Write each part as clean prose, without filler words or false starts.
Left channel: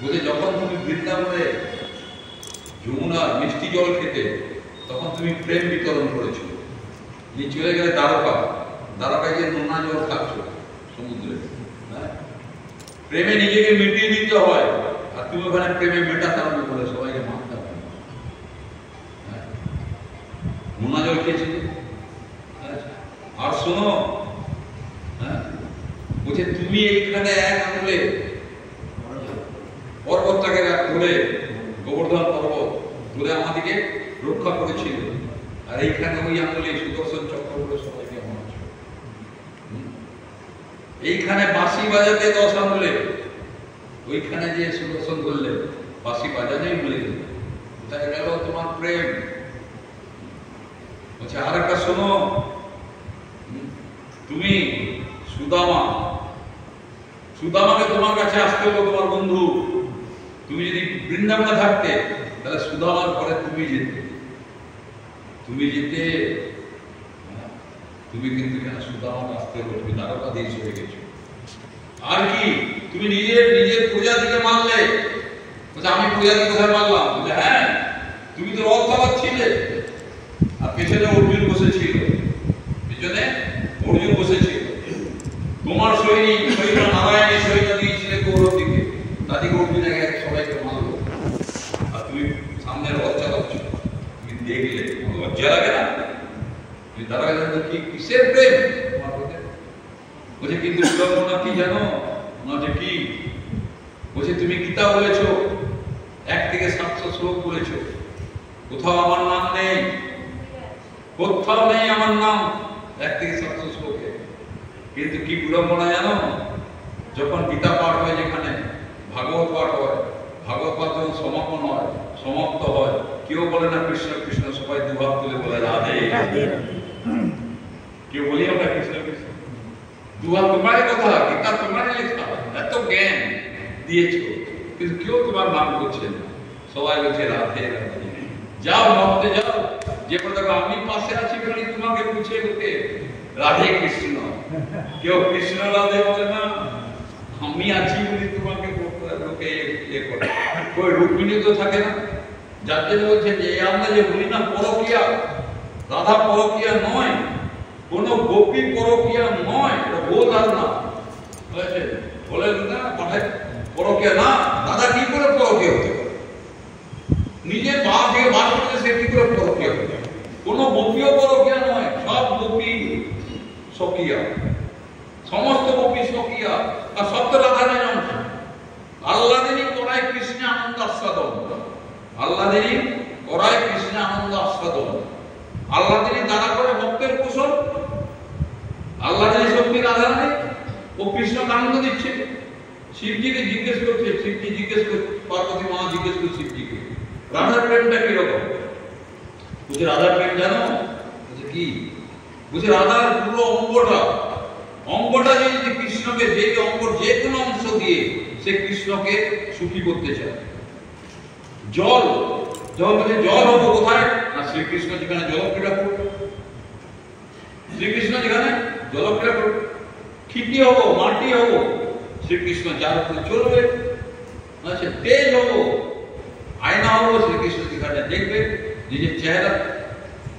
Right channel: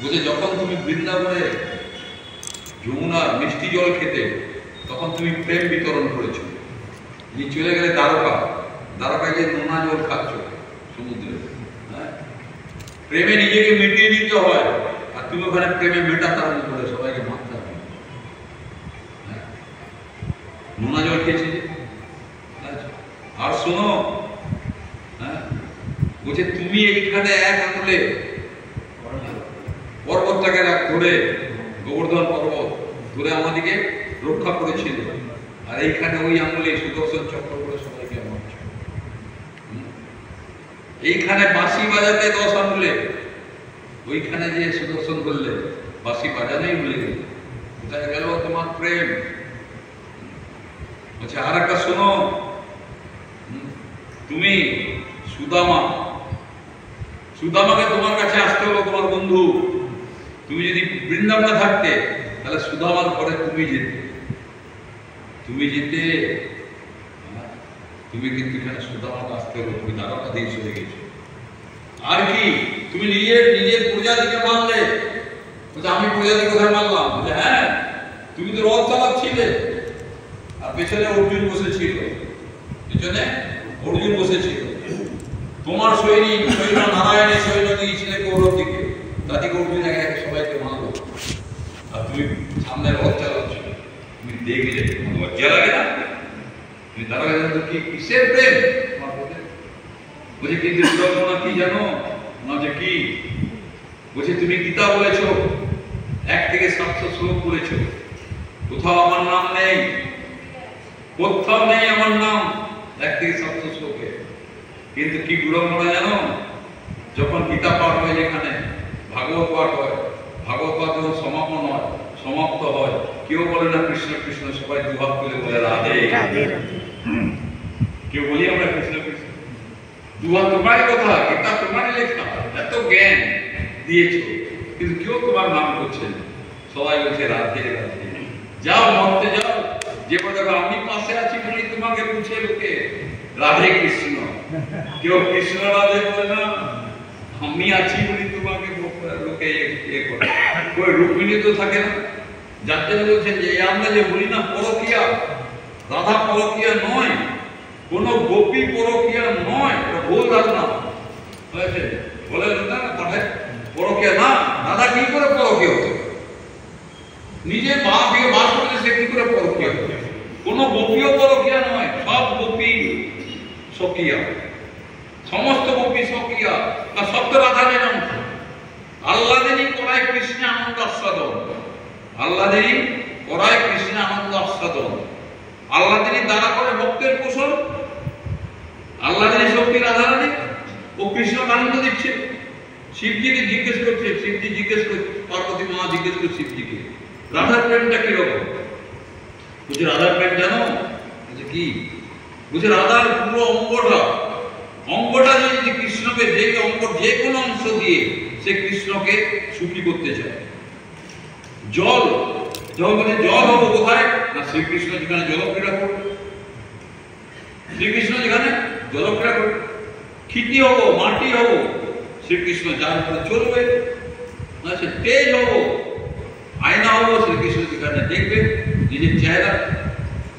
বলছে যখন তুমি বৃন্দাবনে যমুনার মিষ্টি জল খেতে তখন তুমি প্রেম বিতরণ করেছো, তুমি চলে গেলে দ্বারকা গিয়ে নোনা জল খাচ্ছ সমুদ্রে। হ্যাঁ, প্রেমে নিজেকে মিটিয়ে দিতে হয়, আর তুমি ওখানে প্রেমে মেটাতে আরম্ভ করে সবাইকে মারতে হবে। নোনা জল খেয়েছে। আর শোনো, হ্যাঁ, বলছে তুমি এইখানে এক আঙুলে পর্বতটাকে ধরে, গোবর্ধন পর্বত ধরে আমাদেরকে রক্ষা করেছিল, আর এইখানে ওই আঙুলে সুদর্শন চক্র করে সবাইকে মারছ। এইখানে বাঁশি বাজাতে 10 আঙুলে, ওইখানে যে সুদর্শন করলে বাঁশি বাজানোই ভুলে গেল। কোথায় গেল তোমার প্রেম? আচ্ছা, আর একটা শোনো, তুমি সুদামাকে তোমার কাছে আসতে হলো তোমার বন্ধু। তুমি যদি বৃন্দাবনে থাকতে তাহলে সুদামার ঘরে তুমি যেতে, তুমি কিন্তু এখানে সুদামাকে আসতে হলো, তুমি দ্বারকাধীশ হয়ে গেছো। আর কি তুমি নিজের প্রজাতিকে মারলে? বলছে আমি প্রজাতি কোথায় মারলাম? বলে হ্যাঁ, তুমি তো রথ চালাচ্ছিলে আর পেছনে অর্জুন বসেছিল, তোমার সৈনিক নারায়ণী সৈন্য দিয়েছিলে কৌরব দিকে, তাদেরকে অর্জুন এক সবাইকে মারলো, আর তুমি সামনে রথ চালাচ্ছ। তুমি দেখলে তোমার লজ্জা লাগে না? তুমি তারা কি কিসের প্রেম? বলছে কিন্তু কি জানো যে কি বলছে, তুমি গীতা বলেছ, 1 থেকে 700 শ্লোক বলেছ, কোথাও আমার নাম নেই, কোথাও নেই আমার নাম 1 থেকে 700 শ্লোকে। কিন্তু কি বিড়ম্বনা জানো, যখন গীতা পাঠ হয়, যেখানে ভাগবত পাঠ হয়, ভাগবত পাঠ যখন সমাপ্ত হয়, কেউ বলে না কৃষ্ণ কৃষ্ণ, সবাই দুহাত তুলে বলে রাধে রাধে। কেউ বলি আমরা কৃষ্ণ কৃষ্ণ, দুহাত তোমারই কথা, গীতা তোমারই লেখা, এত জ্ঞান দিয়েছো, কিন্তু কেউ তোমার নাম করছে না, সবাই বলছে রাধে রাধে। যাও মরতে যাও, যে কথা আমি পাশে আছি বলি তোমাকে বুঝে লোকে রাধে কৃষ্ণ, কেউ কৃষ্ণ রাধে বলে না, আমি আছি বলি তোমাকে লোকে করে। ওই রুক্মিণী তো থাকে না, যাতে বলছেন যে আমরা যে বলি না পরকিয়া, রাধা পরকিয়া নয়, কোন গোপী পরকিয়া নয়, ভুল ধারণা বলে না, পরকিয়া না, রাধা কি করে পরকিয়া হতো? নিজে বাস করতে সে কি করে পরকিয়া হতো? কোন গোপীয় পরকিয়া নয়, সব গোপী সকিয়া, সমস্ত গোপী সকিয়া, আর সব তো রাধারের অংশ। আল্লাহদেরই করায় কৃষ্ণ আনন্দ আস্বাদন, আল্লাহদেরই করায় কৃষ্ণ আনন্দ আস্বাদন, আল্লাহদেরই দ্বারা করে ভক্তের কুশল, আল্লাহদেরই শক্তি রাধারানী, ও কৃষ্ণকে আনন্দ দিচ্ছে। শিবজিকে জিজ্ঞেস করছে, শিবজি জিজ্ঞেস করছে, পার্বতী মা জিজ্ঞেস করছে শিবজিকে, রাধার প্রেমটা কিরকম? বুঝে রাধার প্রেম জানো? বলছে কি? বুঝে রাধার পুরো অঙ্গটা যদি কৃষ্ণকে, যে অঙ্গ যে কোনো অংশ দিয়ে সে কৃষ্ণকে সুখী করতে চায়। জল হবো কোথায় না, শ্রীকৃষ্ণ যেখানে জলক্রীড়া করবে, শ্রীকৃষ্ণ যেখানে জলক্রীড়া করবে। ক্ষিতি হবো, মাটি হবো, শ্রীকৃষ্ণ যার উপরে চলবে। সে তেজ হবো, আয়না হবো, শ্রীকৃষ্ণ যেখানে দেখবে নিজের চেহারা।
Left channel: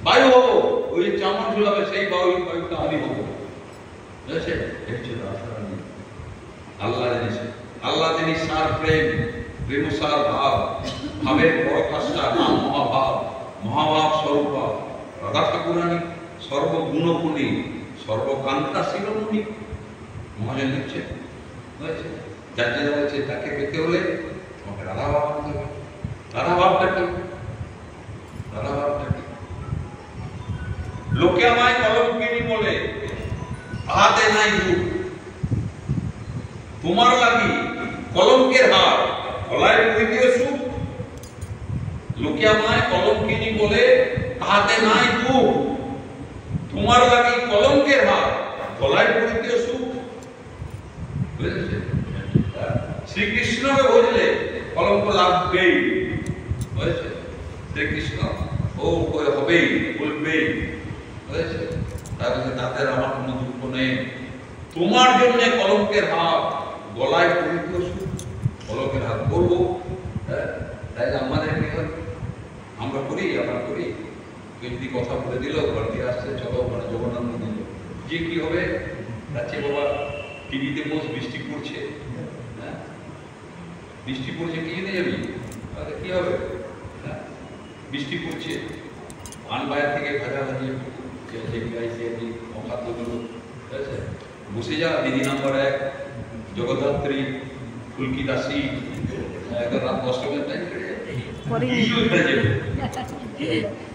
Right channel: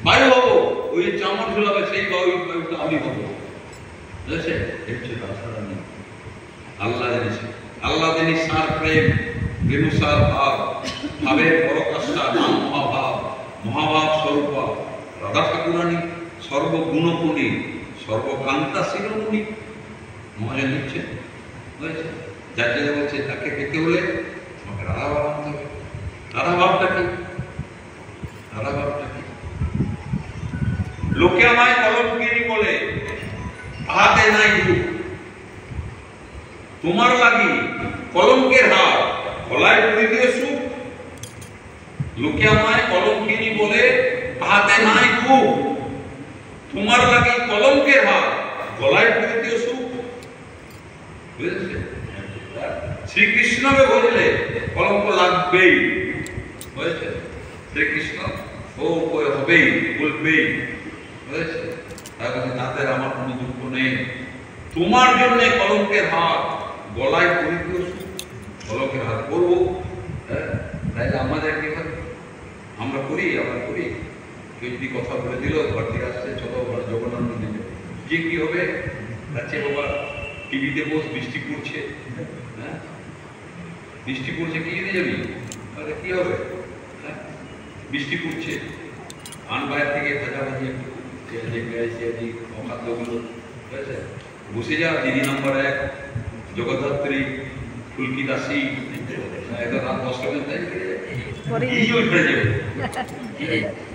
বায়ু হবো, ওই চামড় ঝুলাবে, সেই বায়ুটা আমি হবো। আল্লাহ জানি সার প্রেম, রেণু সার ভাব, ভাবের পরকাষ্ঠা, নাম মহাভাব, মহাভাব স্বরূপা রাধা ঠাকুরানী, সর্বগুণগুণী, সর্বকান্তা শিরোমণি। মহাজন লিখছে, যার জন্য বলছে তাকে পেতে হলে তোমাকে রাধা ভাব আনতে হবে। রাধা ভাবটা কি? রাধা ভাবটা কি? লোকে আমায় কলঙ্কিনী বলে, তাহাতে নাই দুঃখ, তোমার লাগি কলঙ্কের হার, গলায় পরিতে সুখ। লোকে আমায় কলঙ্কিনী বলে, তাহাতে নাই দুঃখ, তোমার লাগি কলঙ্কের হার, গলায় পরিতে সুখ। শ্রীকৃষ্ণকে বুঝলে কলঙ্ক লাগবেই, হয়েছে? শ্রীকৃষ্ণ ও হবেই, বলবেই, হয়েছে? তাদের আমার কোনো দুঃখ নেই, তোমার জন্য কলঙ্কের হাত, গলায় পরিত সুখ। শখের হাত করবো, তাইলে আমাদের কি হবে? আমরা করি কেউ যদি কথা বলে দিল ঘর থেকে আসছে চলো জগন্নাথ মন্দির, যে কি হবে? যাচ্ছে বাবা টিভিতে বস, বৃষ্টি পড়ছে, বৃষ্টি পড়ছে, কি জেনে যাবি? তাহলে কি হবে? বৃষ্টি পড়ছে, আন বাইরে থেকে ভাজাভাজি একটু পেঁয়াজি অখাদ্যগুলো, ঠিক আছে, বসে যা দিদি নম্বর 1 জগদ্ধাত্রী ফুলকি দাসী, একদম রাত 10টা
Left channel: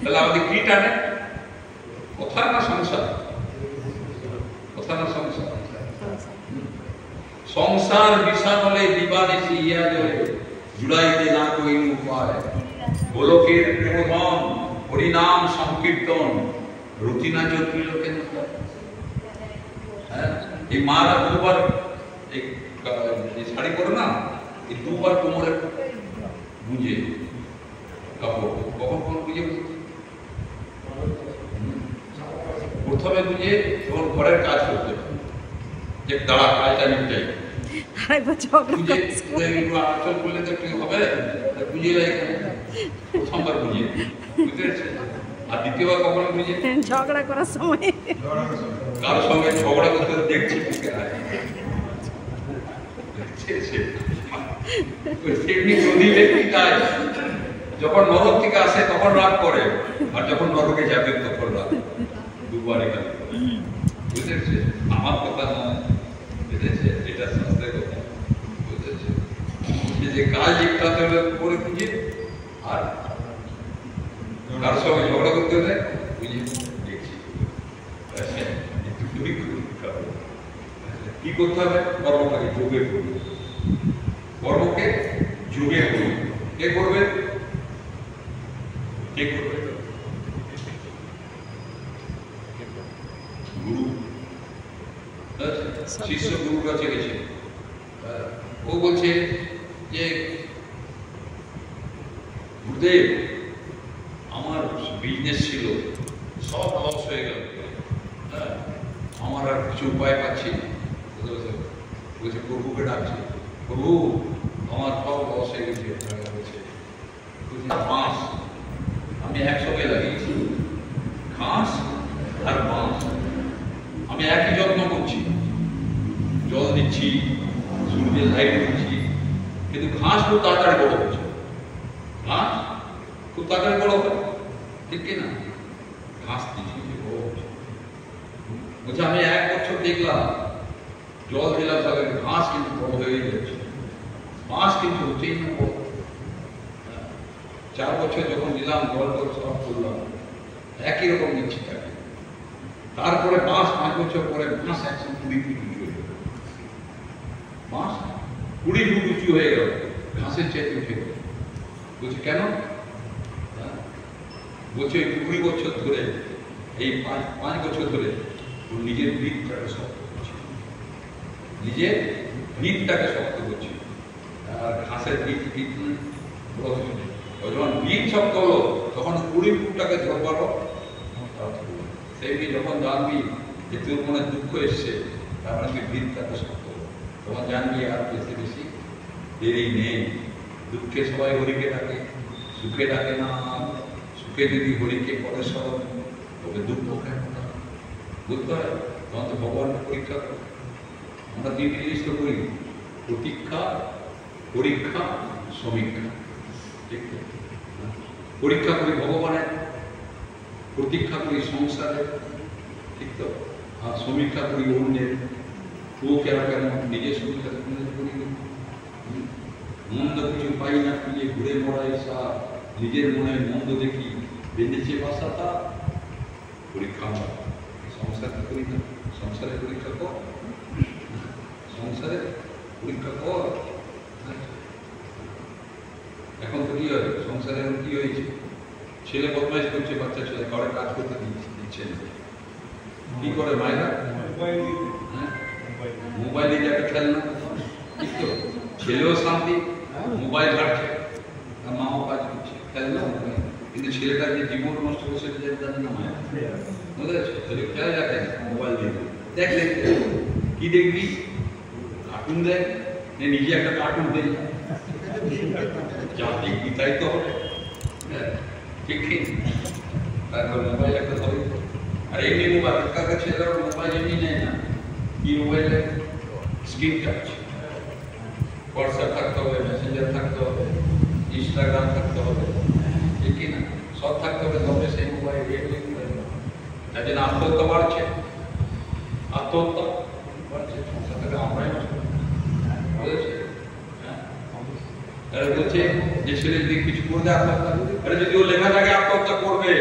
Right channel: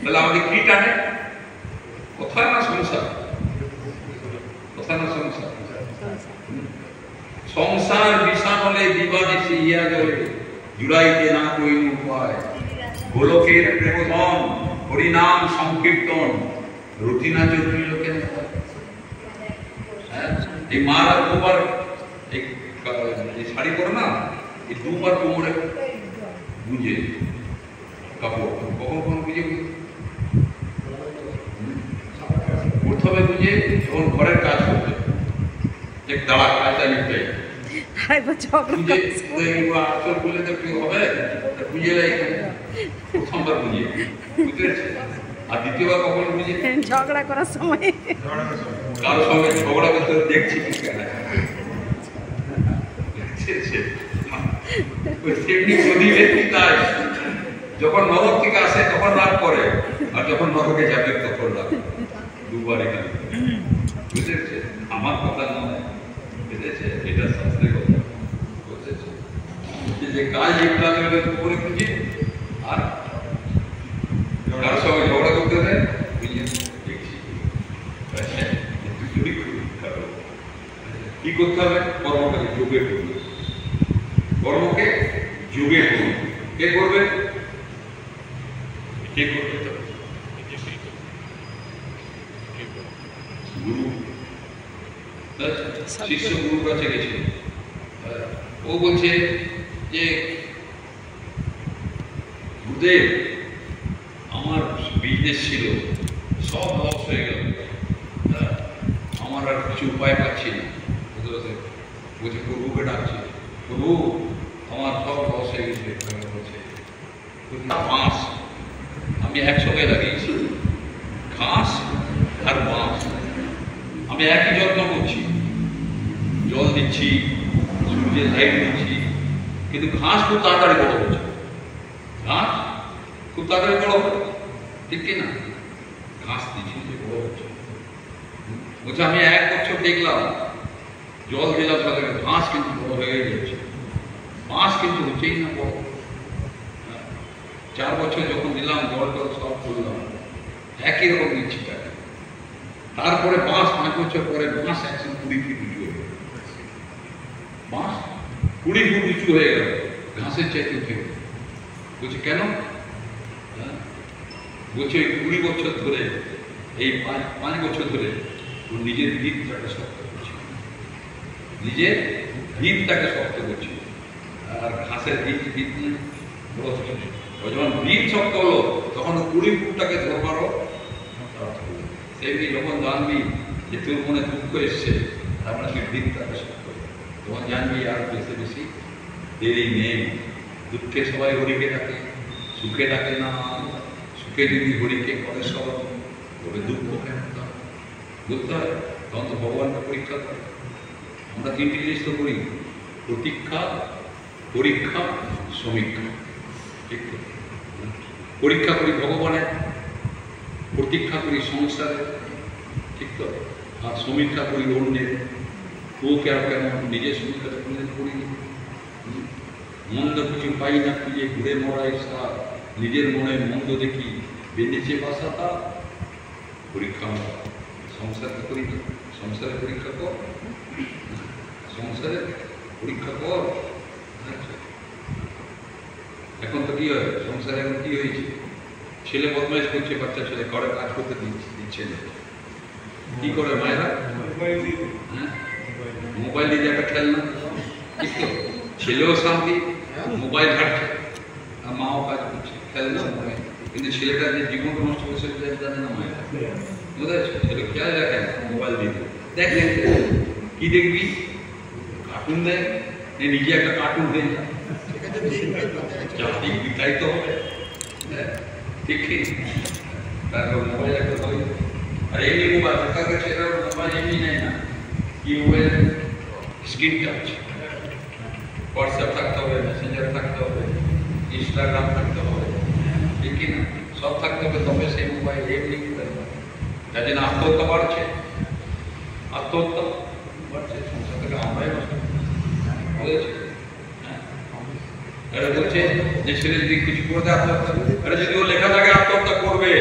তাহলে আমাদের কি টানে? কথা না সংসার, কথা না সংসার, সংসার বিষাণলে দিবানিশি ইয়া জলে জুড়াইতে না কইন উপায়, গোলকের প্রেমধন হরিনাম সংকীর্তন রুটিনা জটিল লোকের। এই মারা দুবার এই শাড়ি পরে না, এই দুবার কোমরে গুঁজে কাপড়, কখন কখন গুঁজে প্রথমে গুঁজে যখন ঘরের কাজ করতে, যে দাঁড়া কাজটা নিতে আচল করলে তো কি হবে, গুঁজে প্রথমবার গুঁজে, বুঝতে পেরেছে? আর দ্বিতীয়বার কখন গুঁজে? ঝগড়া করার সময়, কারোর সঙ্গে ঝগড়া করতে দেখছি যখন নরক থেকে আসে তখন রাগ করে, আর যখন নরকে যাবে তখন রাগ, দুবার এখানে, বুঝেছে? আমার কথা নয়, বুঝেছে? এটা শাস্ত্রের কথা, বুঝেছে? যে কাজ একটা করে খুঁজে, আর কারোর সঙ্গে ঝগড়া করতে হলে বুঝে দেখছি কি করতে হবে? কর্মটাকে যোগে করবে, কর্মকে যোগে করবে। কে করবে? কে করবে? গুরু। শিষ্য গুরুর কাছে গেছে, ও বলছে যে গুরুদেব আমার বিজনেস ছিল, সব লস হয়ে গেল, আমার আর কিছু উপায় পাচ্ছি না। বলছে প্রভুকে ডাকছে, প্রভু আমার সব লস হয়ে গেছে। বলছে বাঁশ আমি একসঙ্গে লাগিয়েছি, ঘাস আর বাঁশ আমি একই যত্ন করছি, জল দিচ্ছি, সূর্যের লাইট দিচ্ছি, কিন্তু ঘাস খুব তাড়াতাড়ি বড় হচ্ছে, ঘাস খুব তাড়াতাড়ি বড় হচ্ছে, ঠিক কিনা? ঘাস দিচ্ছি বড় হচ্ছে। বলছে আমি 1 বছর দেখলাম, জল দিলাম, তাহলে ঘাস কিন্তু বড় হয়ে যাচ্ছে, ঘাস কিন্তু হচ্ছেই না বড়। 4 বছর যখন দিলাম, জল টল সব করলাম, একই রকম দিচ্ছি, তারপরে 5 বছর পরে বাঁশ 120 ফিট উঁচু হয়ে গেল, বাঁশ 20 ফুট উঁচু হয়ে গেল, ঘাসের চাইতে উঠে গেল। বলছে কেন? বলছে 20 বছর ধরে, এই 5 বছর ধরে ওর নিজের ভিতটাকে শক্ত করছে, নিজের ভিতটাকে শক্ত করছে, আর ঘাসের ভিত বড় হচ্ছে। যখন ভিত শক্ত হলো তখন 20 ফুটটাকে ধরবারও সেমনি যখন জানবি যে তোর মনে দুঃখ এসছে, তারপরে তুই ভিতটাকে শক্ত করো, তখন জানবি আর বেশি বেশি দেরি নেই। দুঃখে সবাই হরিকে ডাকে, সুখে ডাকে না। সুখে যদি হরিকে করে সব, তবে দুঃখ কেন বুঝতে হয়? তখন তো ভগবানকে পরীক্ষা করে। আমরা 3টি জিনিস তো করি, প্রতীক্ষা, পরীক্ষা, সমীক্ষা, ঠিক তো? পরীক্ষা করি ভগবানের, প্রতীক্ষা করি সংসারে, ঠিক তো? আর সমীক্ষা করি অন্যের, ও কেমন, নিজের সমীক্ষা করিনি। মন্দ কিছু পাই না খুঁজে ঘুরে মরাই সার, নিজের মনে মন্দ দেখি বেঁধেছে বাসা তা। পরীক্ষা সংসারকে করি না, সংসারে পরীক্ষা কর, সংসারে পরীক্ষা কর। এখন তো কি হয় সংসারে, এখন কি হয়েছে? ছেলে বদমাইশ করছে, বাচ্চা ছেলে কারো কাজ করতে দিচ্ছে না, কি করে মায়েরা? মোবাইল দিয়ে একটা খেলনা, ঠিক তো? ছেলেও শান্তি, মোবাইল ঘাটছে, আর মাও কাজ করছে, খেলনা মোবাইল। কিন্তু ছেলেটা যে জীবন নষ্ট করছে জানে না মায়েরা, বুঝেছো? ছেলে খেয়াল রাখে না, মোবাইল দিয়ে দেখে কি দেখবি? কার্টুন দেখ, নিজে একটা কার্টুন দিয়ে জাতিক বিতাড়িত হবে, ঠিক ঠিক। তারপর মোবাইল একটা ধরে, আর এমনি মোবাইল তার কাছে মোবাইল এমনি নেয় না, কি মোবাইল স্ক্রিন টাচ, হোয়াটসঅ্যাপ থাকতে হবে, মেসেঞ্জার থাকতে হবে, ইনস্টাগ্রাম থাকতে হবে, ঠিক কি না, সব থাকতে হবে, তবে সেই মোবাইল এমনি যার জন্য আত্মহত্যা বাড়ছে, আত্মহত্যা বাড়ছে, সংসার থেকে আমরাই বলেছি। বলছে যে ছেলের দিক কিছু করে দেয় আত্মহত্যা, আরে যদি ও লেখা থাকে আত্মহত্যা করবে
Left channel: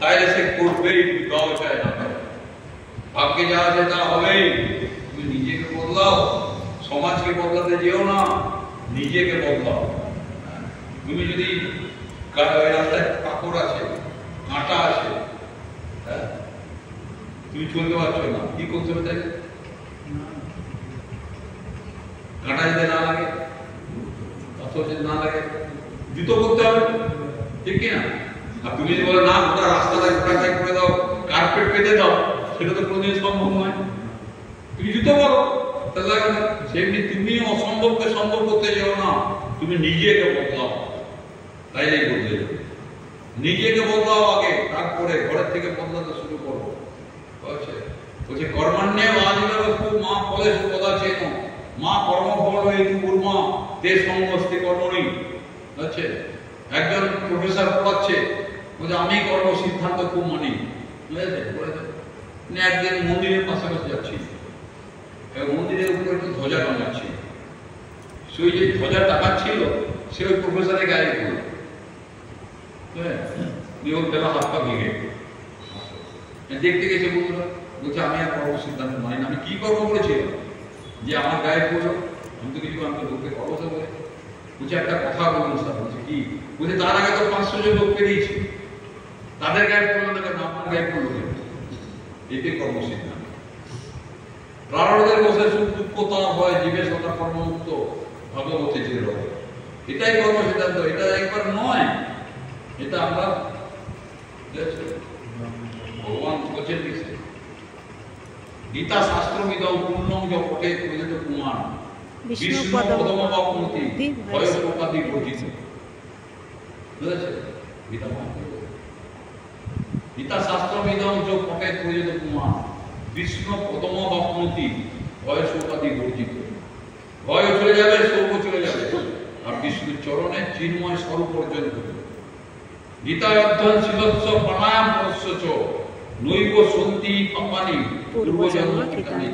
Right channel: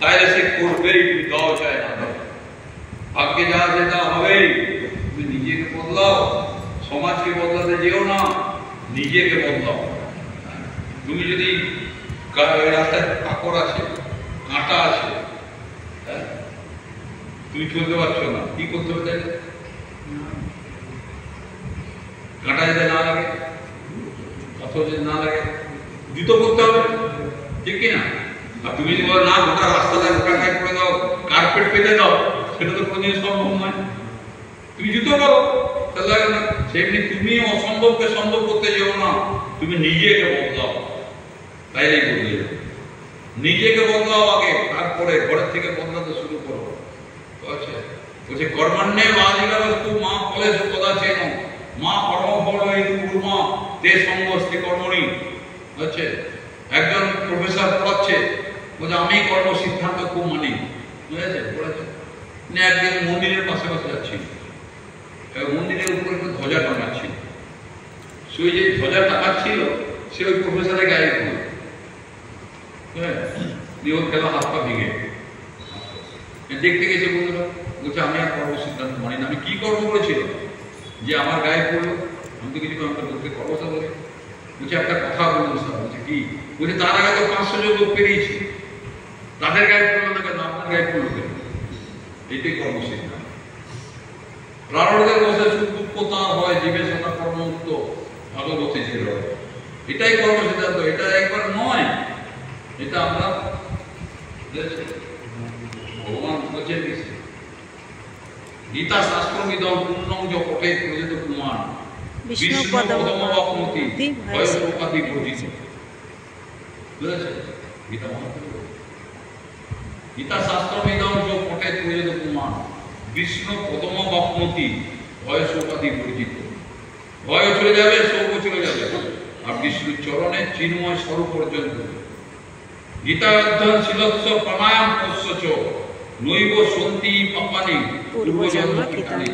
তাহলে সে করবেই, দাও চায় না ভাগ্যে যা আছে তা হবেই। তুমি নিজেকে বদলাও, সমাজকে বদলাতে যেও না, নিজেকে বদলাও। তুমি যদি রাস্তায় কাকড় আছে, কাঁটা আছে, তুমি চলতে পারছো না, কি করতে হবে তাই? কাঁটা যদি না লাগে, পাথর যদি না লাগে, জুতো করতে হবে, ঠিক কিনা? আর তুমি যদি বলো না গোটা রাস্তাটা কাঁটায় করে দাও, কার্পেট পেতে দাও, সেটা তো কোনোদিন সম্ভব নয়। তুমি জুতো করো, তাহলে সেমনি তুমি অসম্ভবকে সম্ভব করতে যেও না, তুমি নিজেকে বদলাও, তাইলেই বদলে যাবে। নিজেকে বদলাও আগে, তারপরে ঘরের থেকে বদলাতে শুরু করো। বলছে কর্মান্যে বাধিকাবস্তু মা ফলেষু কদাচেন মা কর্মফল হেতু কুর্মা তে সঙ্গস্তে কর্মণি। হচ্ছে একজন প্রফেসর পড়াচ্ছে, বলছে আমি কর্ম সিদ্ধান্ত খুব মানি, বুঝেছে পড়েছে। একদিন মন্দিরের পাশাপাশি যাচ্ছি, মন্দিরের উপরে একটা ধ্বজা টাঙাচ্ছিল, সেই যে ধ্বজা টাঙাচ্ছিল সে ওই প্রফেসরের গায়ে পড়ল, হ্যাঁ, খেলা হাত পা ভেঙে দেখতে গেছে। বন্ধুরা বলছে আমি আর কর্ম সিদ্ধান্ত মানি না। আমি কি কর্ম করেছিল যে আমার গায়ে পড়লো? আমি তো কিছু আমাকে লোককে কর্মসা বলে। বলছে একটা কথা বলুন স্যার। বলছে কি? বলছে তার আগে তো 500 জন লোক পেরিয়েছি, তাদের গায়ে পড়লো না কেন, আপনার গায়ে পড়লো কেন? এটাই কর্ম সিদ্ধান্ত। প্রারব্ধের বসে সুখ দুঃখতা হয়, জীবে সদা কর্মমুক্ত ভাগবতী চির, এটাই কর্ম সিদ্ধান্ত। এটা একবার নয়, এটা আমরা ভগবান বলছেন কিসে? গীতা শাস্ত্রবিদম পূর্ণং য পঠে প্রযুত কুমার বিষ্ণু পদমতি ভয়প্রকাদি বর্জিত। বুঝেছে? গীতা শাস্ত্রবিদম য পঠে প্রযুত কুমার বিষ্ণু পদম বাপমতি ভয় শোকাদি বর্জিত। ভয় চলে যাবে, শোক চলে যাবে, আর বিষ্ণুর চরণে চিন্ময় স্বরূপ অর্জন করবে। গীতা অধ্যয়ন শিলস্য প্রাণায়াম পশ্যচ নৈব সন্তি পাপানি পূর্বজন্ম কৃতানি।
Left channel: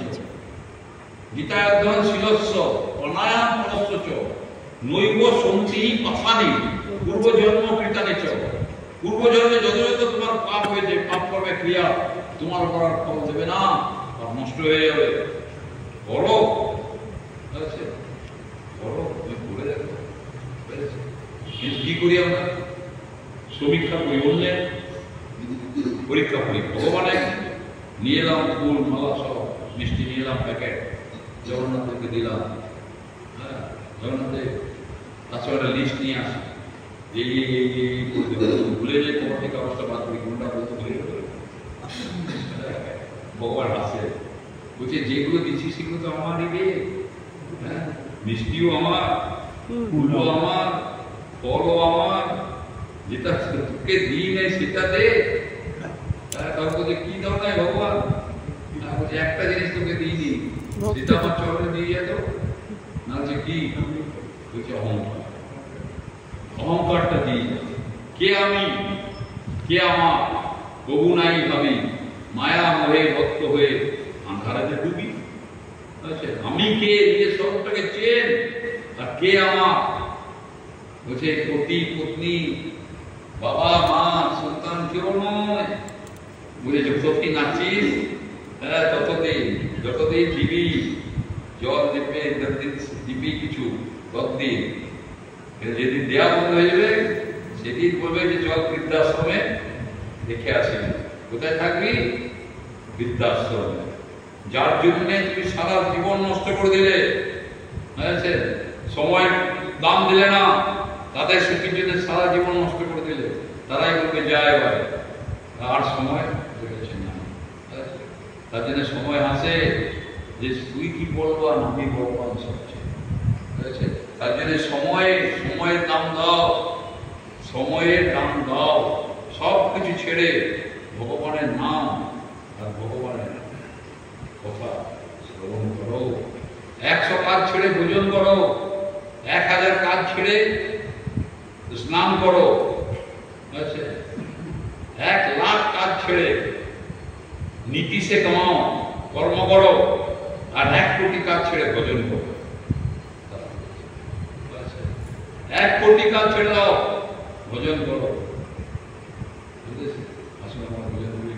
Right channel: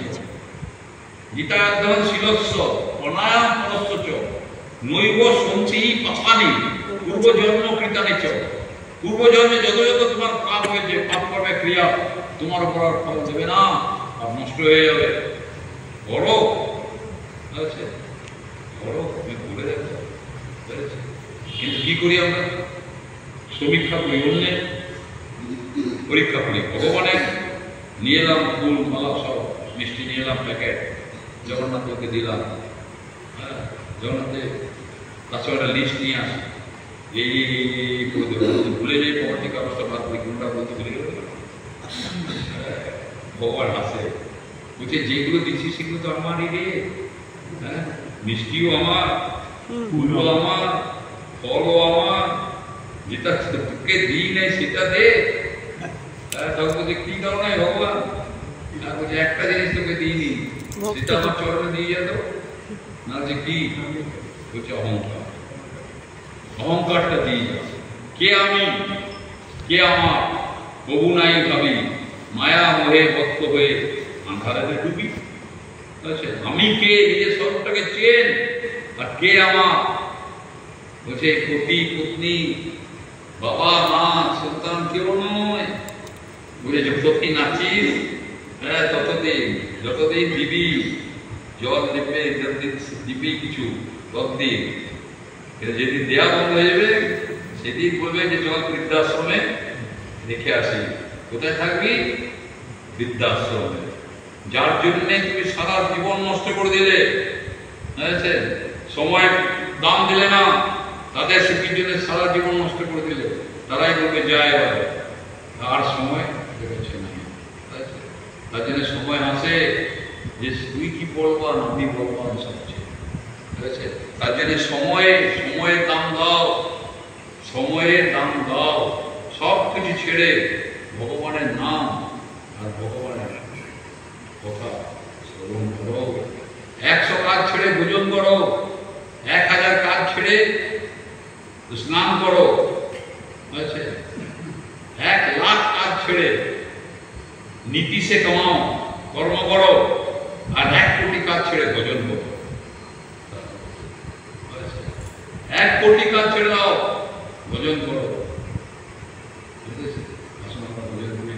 গীতা অধ্যয়ন শিলস্য প্রাণায়াম পশ্যচ নৈব সন্তি পাপানি পূর্বজন্ম কৃতানি চ। পূর্বজন্মে যত যত তোমার পাপ হয়েছে, পাপ কর্মে ক্রিয়া তোমার উপর আর ফল দেবে না, পাপ নষ্ট হয়ে যাবে। বড় আছে বড়, তুমি ভুলে দেখো। কিন্তু কি করি আমরা? সমীক্ষা করি, অন্যের পরীক্ষা করি। ভগবানের নিয়ে এলাম ফুল মালা, সব মিষ্টি নিয়ে এলাম প্যাকেট, জগন্নাথকে দিলাম। হ্যাঁ, জগন্নাথের কাছে একটা লিস্ট নিয়ে আসি, এই করে দেবো, ভুলে যাই পর থেকে অবস্থা বাদ করি, কোনটা বলতে ভুলে গেল। ভগবান হাসে, বলছে যেগুলো দিচ্ছি সেগুলো তো আমারই রে। হ্যাঁ, মিষ্টিও আমার, ফুলও আমার, ফলও আমার, যেটা তোকে দিই নেই সেটা দে। তারপরে কি দাও নাই ভগবান? বলছে একটা জিনিস তোকে দিইনি, সেটা আমার চরণে দিয়ে যেত না। যে কি? বলছে অহংকার। অহংকারটা দিয়ে যাচ্ছে। কে আমি, কে আমার, প্রভু নাই ভাবি, মায়া মোহে ভক্ত হয়ে আন্ধারে ডুবি। আমি কে? নিজের স্বরূপটাকে চেন। আর কে আমার? বলছে পতি পত্নী, বাবা মা সন্তান কেউ নয়। বলে যতদিন আছিস, হ্যাঁ ততদিন, যতদিন দিবি জল দিবে, যতদিন দিবি কিছু ততদিন। যেদিন দেয়া বন্ধ হয়ে যাবে সেদিন বলবে যে চল বৃদ্ধাশ্রমে দেখে আসি। কোথায় থাকবি? বৃদ্ধাশ্রমে। যার জন্য তুমি সারা জীবন নষ্ট করে দিলে, সময় দাম দিলে না, তাদের শিক্ষির জন্য সারা জীবন নষ্ট করে দিলে, তারাই বলবে যায় এবারে আর সময় দেবেছে না। তার জন্য সময় আসে যে তুই কি বলবো আর আমি বলবো, আমি সবচেয়ে ঠিক আছে? তার জন্য সময়ের দাম দাও, সময়ের দাম দাও। সব কিছু ছেড়ে ভগবানের নাম আর ভগবানের কথা শ্রবণ করো। 100 কাজ ছেড়ে ভোজন করো, 1000 কাজ ছেড়ে স্নান করো, 1,00,000 কাজ ছেড়ে নীতি সে কামাও, কর্ম করো, আর 1 কোটি কাজ ছেড়ে ভোজন করো। 1 কোটি কাজ ছেড়ে দাও, ভোজন করো। আসুন আমরা ভোজন করি।